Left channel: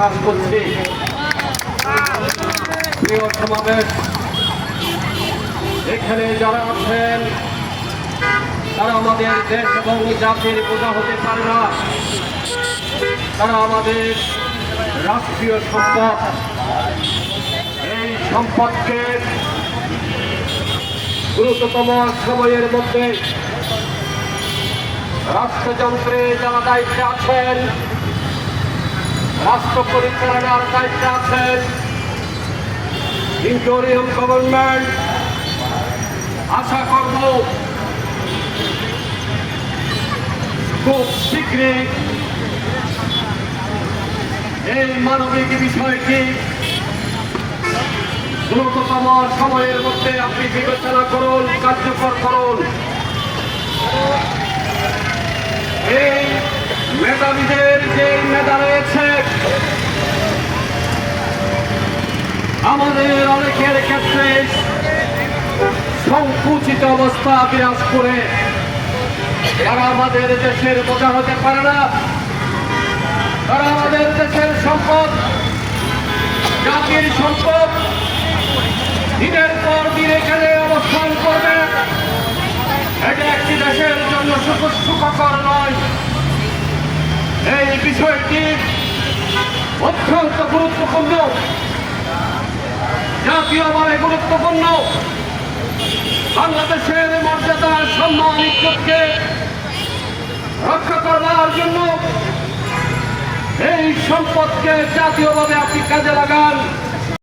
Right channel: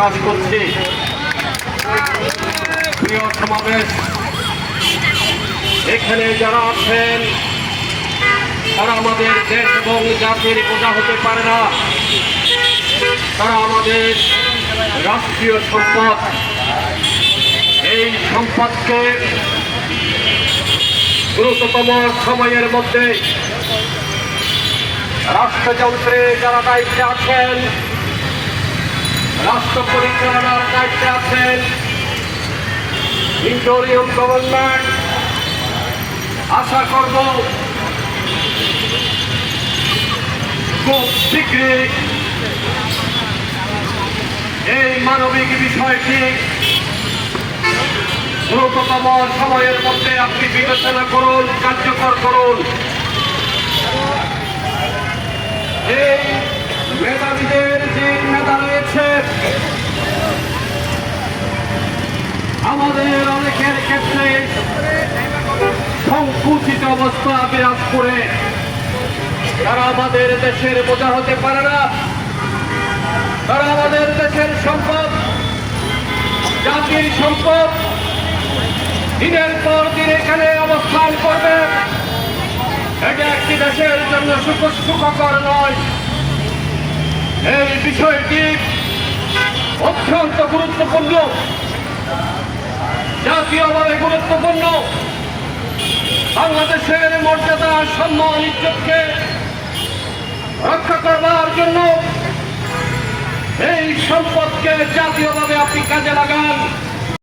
প্রকাশ করছি। প্রিয় সমাবেশ, এখানে যারা আছেন তারা আমাদের দেশ এবং জাতির বোঝা হতে পারে না, তারা আমাদের রাষ্ট্রীয় সম্পদ। এই সম্পদকে দ্রুততম সময়ের মধ্যে রাষ্ট্রযন্ত্রে যারা দায়িত্বে আছেন, রাষ্ট্র পরিচালনার দায়িত্বে আছেন, ইন্টারিম গভর্নমেন্ট, আশা করব খুব শীঘ্রই এই মানবিক বিষয়টি দ্রুততম সময়ের মধ্যে আপনি বিবেচনা করুন, কার্যকর করুন। এই মেধাবীদের যে মেধা রয়েছে, আমাদের অনেকের ক্ষেত্রে সংকুচিত অবস্থা বিরাজ করে, যারা আমাদের দেশের বোঝা হতে পারে না, তারা আমাদের দেশের সম্পদ, জাতির সম্পদ দিনের পর দিন এখানে অবস্থান করবে। এটা একটি দেশের জন্য সুখকর নয়। এই বিষয়টি অত্যন্ত গুরুত্বপূর্ণ, জাতীয়ভাবে গুরুত্বপূর্ণ। বাংলাদেশের মর্যাদা, সম্মান, ইজ্জতকে রক্ষা করবার জন্য এই সম্পদকে জাতীয়ভাবে আপনি কাজে লাগান।